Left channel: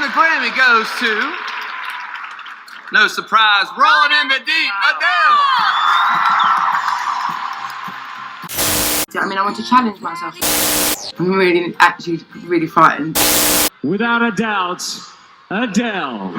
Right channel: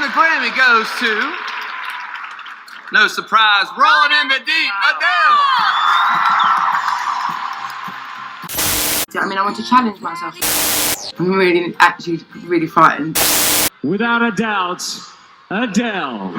And the Grammy goes to, no surprise, Rolling in the Deep, Adele. I mean, I want to challenge myself. I'm really frightened. Without a doubt, Adele.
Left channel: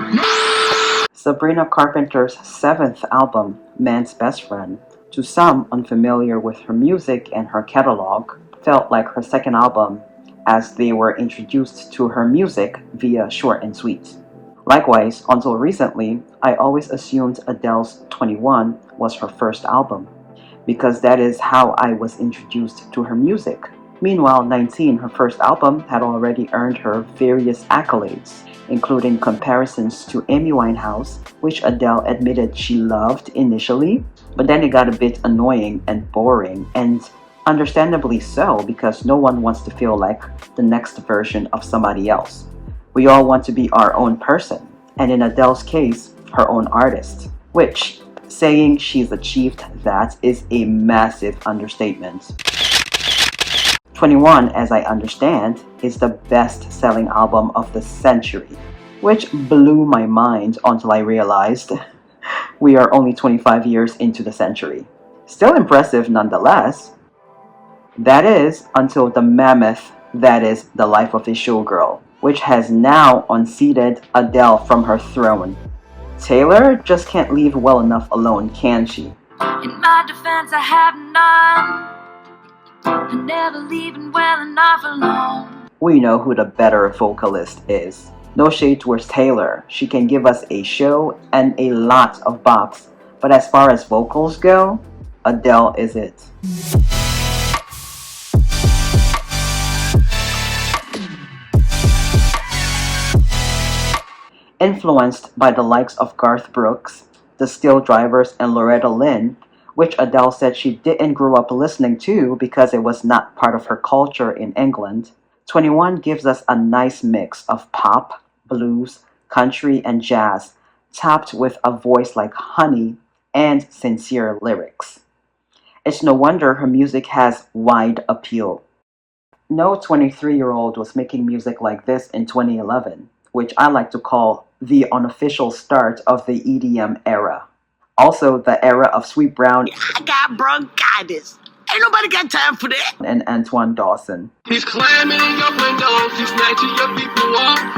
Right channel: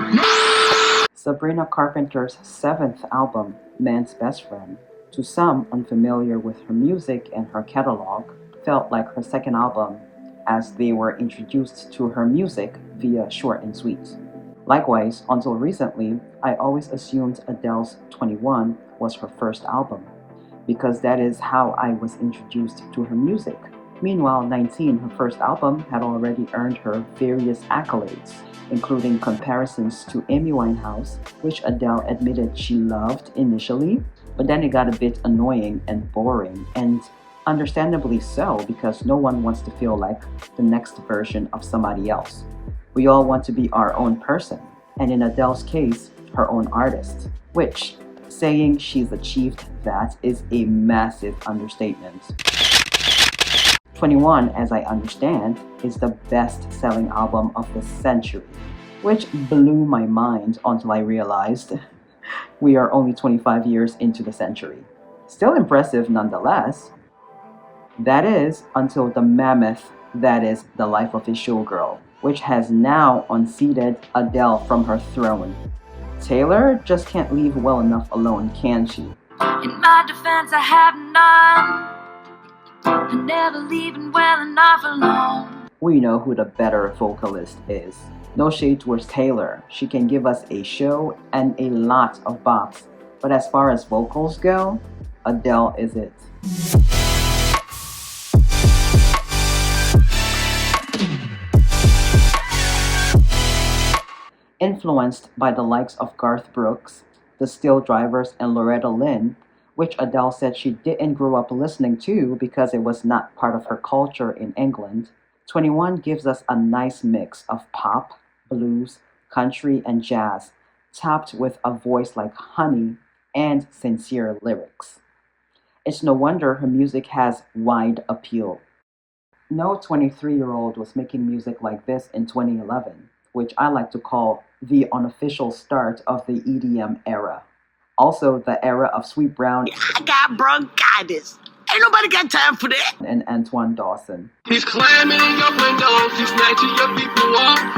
Sabrina Carpenter's 7th album, Man's Best Friend, to some unfamiliar with her music and her catalog, felt like her second album as they were introduced to her music via Short and Sweet. Likewise, until recently, I always assumed Adele's 21 was her first album, because that is how I was introduced to her music. Meanwhile, 19, her first album, had already earned her various accolades, including comparisons to Amy Winehouse, which Adele admitted she loved initially, but then it got a bit annoying and boring, and understandably so, because no one wants to feel like the next version of somebody else. We all want to be our own person, and in Adele's case, her own artist, which, saying she's achieved that is a massive understatement. 21, as I understand, is the best-selling album of the century, which blew my mind until I realized we are only 25 years into the century. Still impressive nonetheless. That is, until the mammoth that is The Life of a Showgirl, which has now unseated Adele from her throne. Taylor just can't leave well enough alone, can she? In my defense, I have none. I'm never leaving well enough alone. We know who the better vocalist is. No shade towards Taylor. She can give us a show and a lot of bops. But as far as vocals go, Adele is it. Influenced by the likes of Garth Brooks, the Still Drivers, and Loretta Lynn, which Adele said she didn't grow up listening to because it was not part of her culture in England, 21 gives us a nice mix of pop, blues, country, and jazz, topped with a voice like honey and sincere lyrics. It's no wonder her music has wide appeal. No 23-year-old was making music like this in 2011, which I like to call the unofficial start of the EDM era. Also, the era of Sweet Brown. I got bronchitis. Ain't nobody got time for that. And Antoine Dawson. He's climbing in your windows, he's snatching your people up.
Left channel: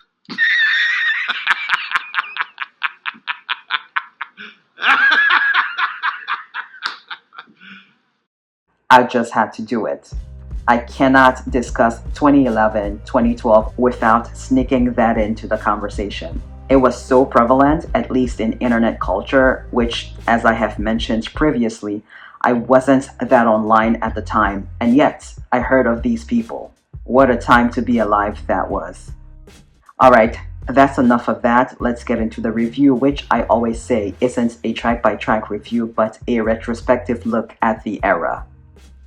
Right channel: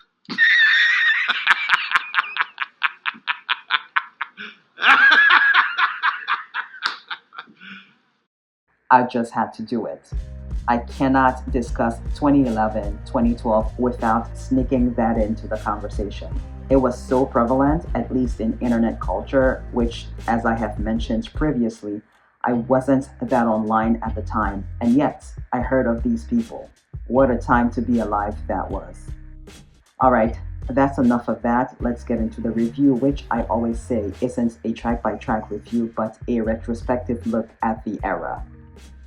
I just had to do it. I cannot discuss 2011, 2012 without sneaking that into the conversation. It was so prevalent, at least in internet culture, which, as I have mentioned previously, I wasn't that online at the time, and yet I heard of these people. What a time to be alive that was. Alright, that's enough of that. Let's get into the review, which I always say isn't a track-by-track review, but a retrospective look at the era.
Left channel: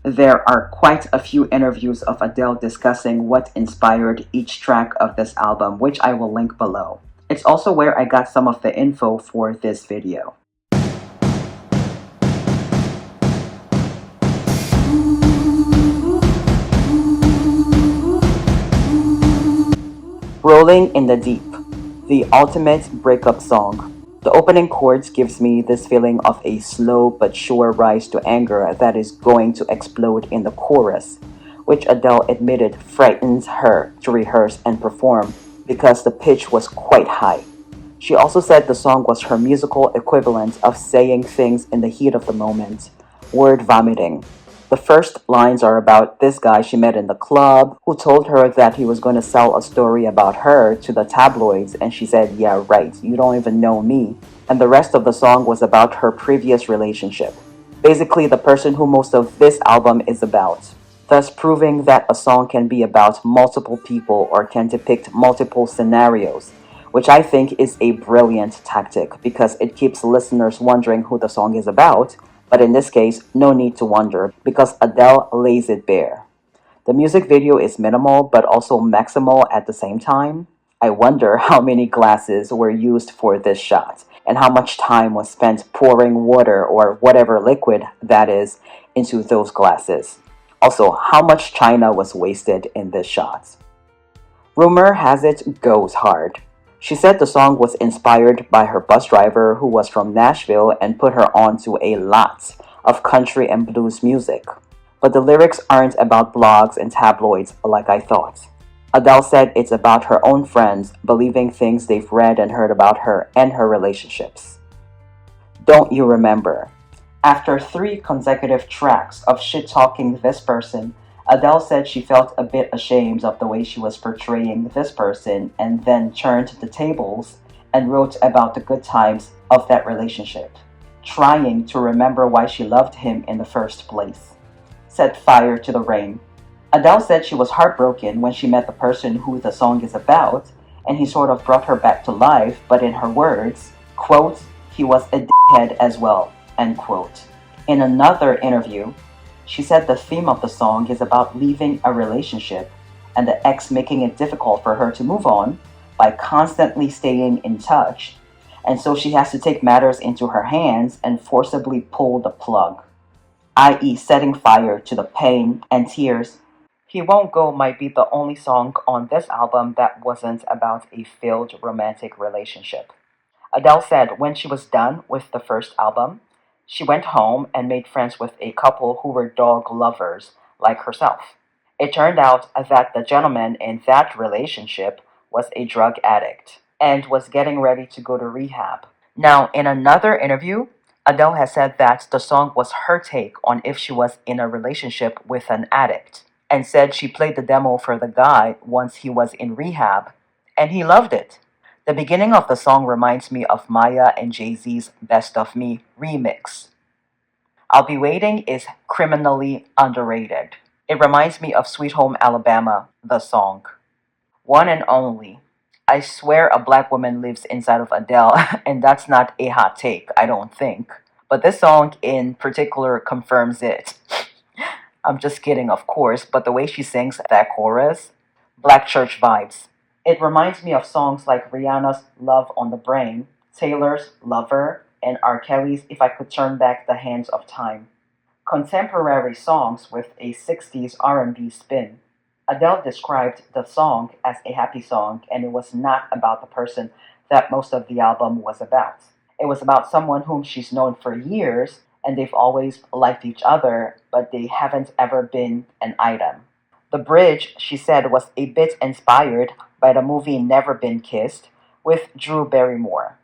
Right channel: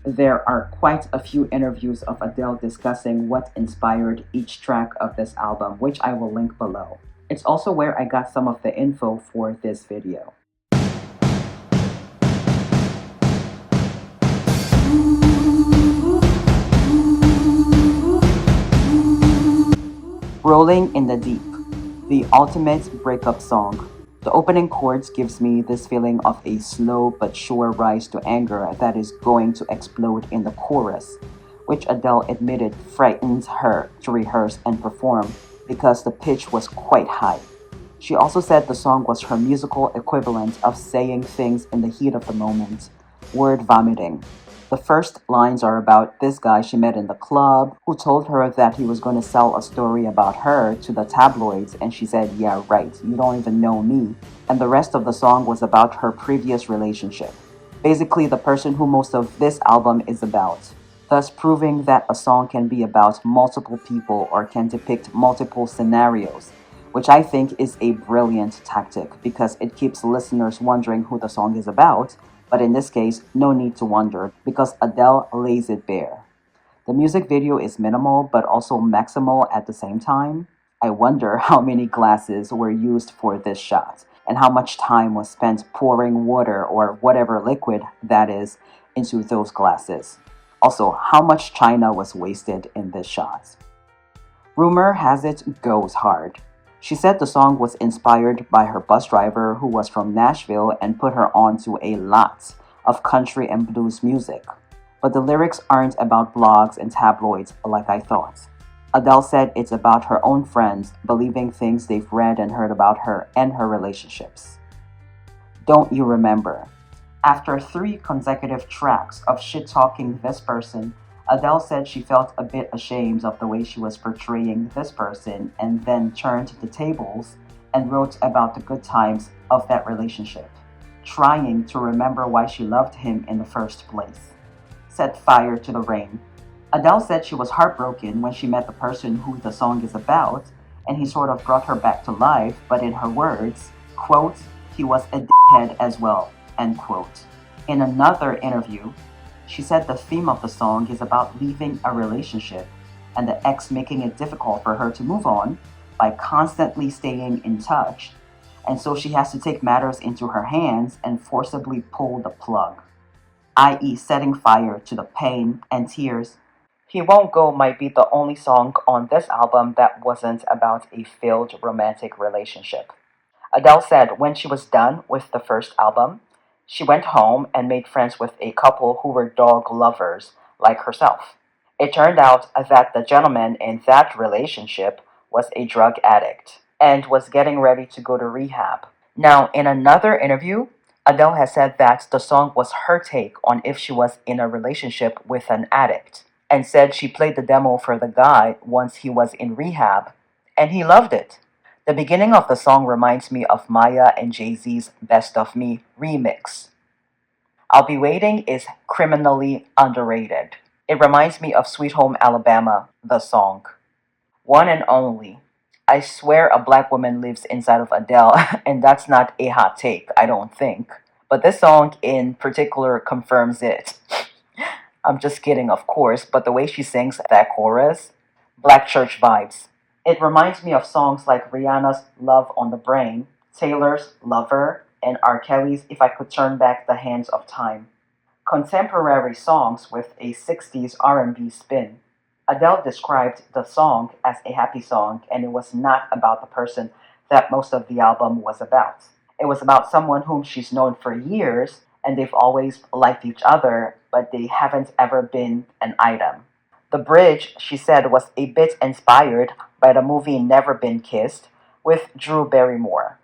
There are quite a few interviews of Adele discussing what inspired each track of this album, which I will link below. It's also where I got some of the info for this video. Rolling in the Deep, the ultimate breakup song. The opening chords gives me this feeling of a slow but sure rise to anger that is going to explode in the chorus, which Adele admitted frightens her to rehearse and perform because the pitch was quite high. She also said the song was her musical equivalent of saying things in the heat of the moment, word vomiting. The first lines are about this guy she met in the club who told her that he was going to sell a story about her to the tabloids, and she said, yeah, right, you don't even know me. And the rest of the song was about her previous relationship. Basically, the person who most of this album is about. Thus proving that a song can be about multiple people or can depict multiple scenarios, which I think is a brilliant tactic because it keeps listeners wondering who the song is about, but in this case, no need to wonder because Adele lays it bare. The music video is minimal but also maximal at the same time. I wonder how many glasses were used for this shot and how much time was spent pouring water or whatever liquid that is into those glasses. Also, how much china was wasted in this shot. Rumor has it goes hard. She said the song was inspired by her bus driver who was from Nashville and put her onto a lot of country and blues music. But the lyrics aren't about blogs and tabloids like I thought. Adele said it's about her own friends believing things they've read and heard about her and her relationships. Don't you remember? After 3 consecutive tracks of shit-talking this person, Adele said she felt a bit ashamed of the way she was portraying this person and then turned the tables and wrote about the good times of that relationship, trying to remember why she loved him in the first place. Set fire to the rain. Adele said she was heartbroken when she met the person who the song is about, and he sort of brought her back to life, but in her words, quote, he was a dickhead as well, end quote. In another interview, she said the theme of the song is about leaving a relationship and the ex making it difficult for her to move on by constantly staying in touch, and so she has to take matters into her hands and forcibly pull the plug, i.e., setting fire to the pain and tears. He Won't Go might be the only song on this album that wasn't about a failed romantic relationship. Adele said when she was done with the first album, she went home and made friends with a couple who were dog lovers like herself. It turned out that the gentleman in that relationship was a drug addict and was getting ready to go to rehab. Now, in another interview, Adele has said that the song was her take on if she was in a relationship with an addict, and said she played the demo for the guy once he was in rehab, and he loved it. The beginning of the song reminds me of Maya and Jay-Z's Best of Me remix. I'll Be Waiting is criminally underrated. It reminds me of Sweet Home Alabama, the song. One and Only. I swear a black woman lives inside of Adele, and that's not a hot take, I don't think. But this song in particular confirms it. I'm just kidding, of course, but the way she sings that chorus, Black church vibes. It reminds me of songs like Rihanna's Love on the Brain, Taylor's Lover, and R. Kelly's If I Could Turn Back the Hands of Time. Contemporary songs with a 60s R&B spin. Adele described the song as a happy song, and it was not about the person that most of the album was about. It was about someone whom she's known for years, and they've always liked each other, but they haven't ever been an item. The bridge, she said, was a bit inspired by the movie Never Been Kissed with Drew Barrymore.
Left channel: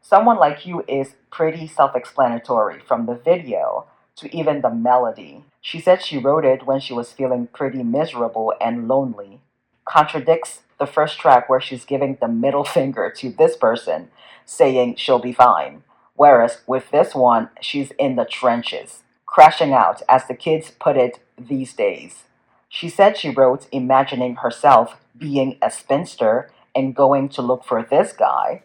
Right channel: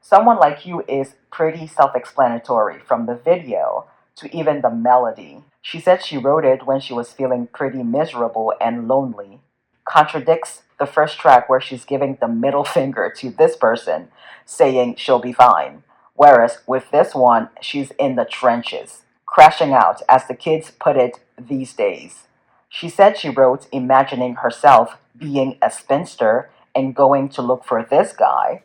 Someone Like You is pretty self-explanatory from the video to even the melody. She said she wrote it when she was feeling pretty miserable and lonely. Contradicts the first track where she's giving the middle finger to this person, saying she'll be fine. Whereas with this one, she's in the trenches, crashing out, as the kids put it these days. She said she wrote imagining herself being a spinster and going to look for this guy,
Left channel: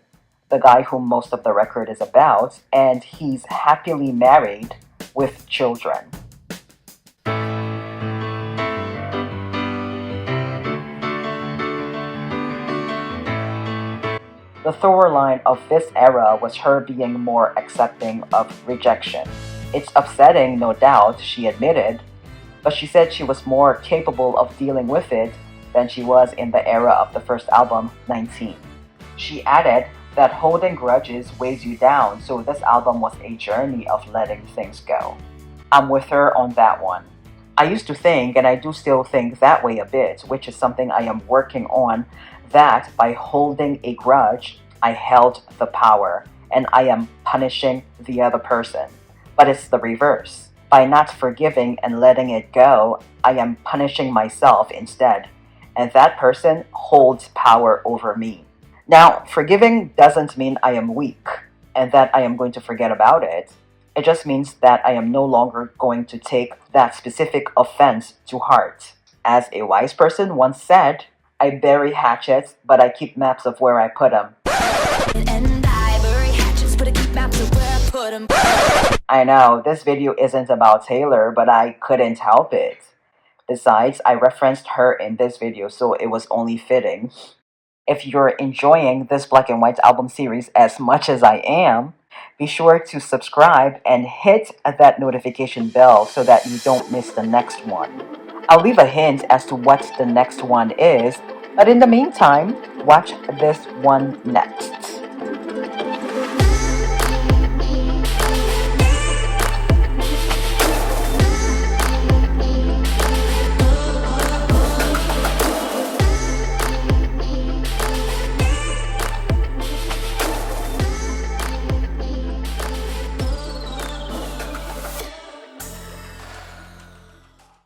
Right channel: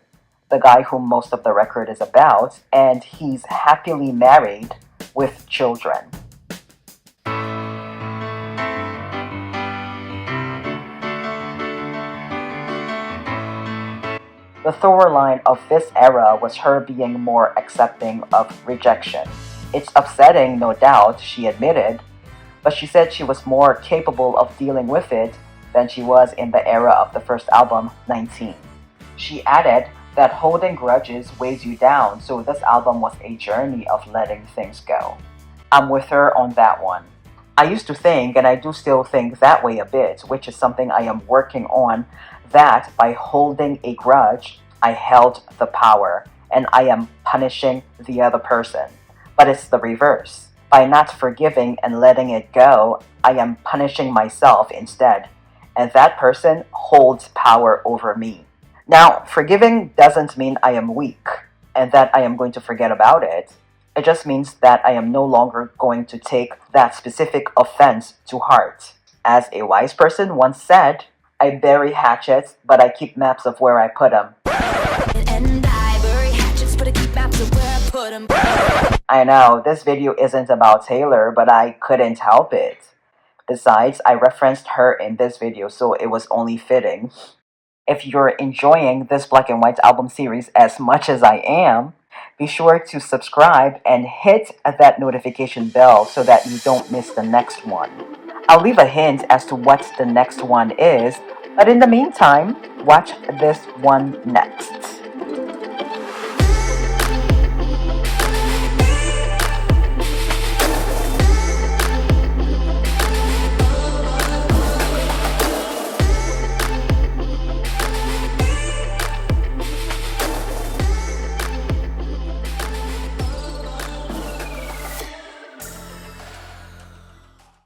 the guy whom most of the record is about, and he's happily married with children. The through line of this era was her being more accepting of rejection. It's upsetting, no doubt, she admitted, but she said she was more capable of dealing with it than she was in the era of the first album, 19. She added that holding grudges weighs you down, so this album was a journey of letting things go. I'm with her on that one. I used to think, and I do still think that way a bit, which is something I am working on, that by holding a grudge, I held the power, and I am punishing the other person. But it's the reverse. By not forgiving and letting it go, I am punishing myself instead, and that person holds power over me. Now, forgiving doesn't mean I am weak, and that I am going to forget about it. It just means that I am no longer going to take that specific offense to heart. As a wise person once said, I bury hatchets, but I keep maps of where I put them. And I bury hatchets, but I keep maps of where I put them. I know, this video isn't about Taylor, but I couldn't help it. Besides, I referenced her in this video, so it was only fitting. If you're enjoying this Black and White album series as much as I am, be sure to subscribe and hit that notification bell so that you don't miss the next one. I'll leave a hint as to what the next one is But in the meantime, watch this one next.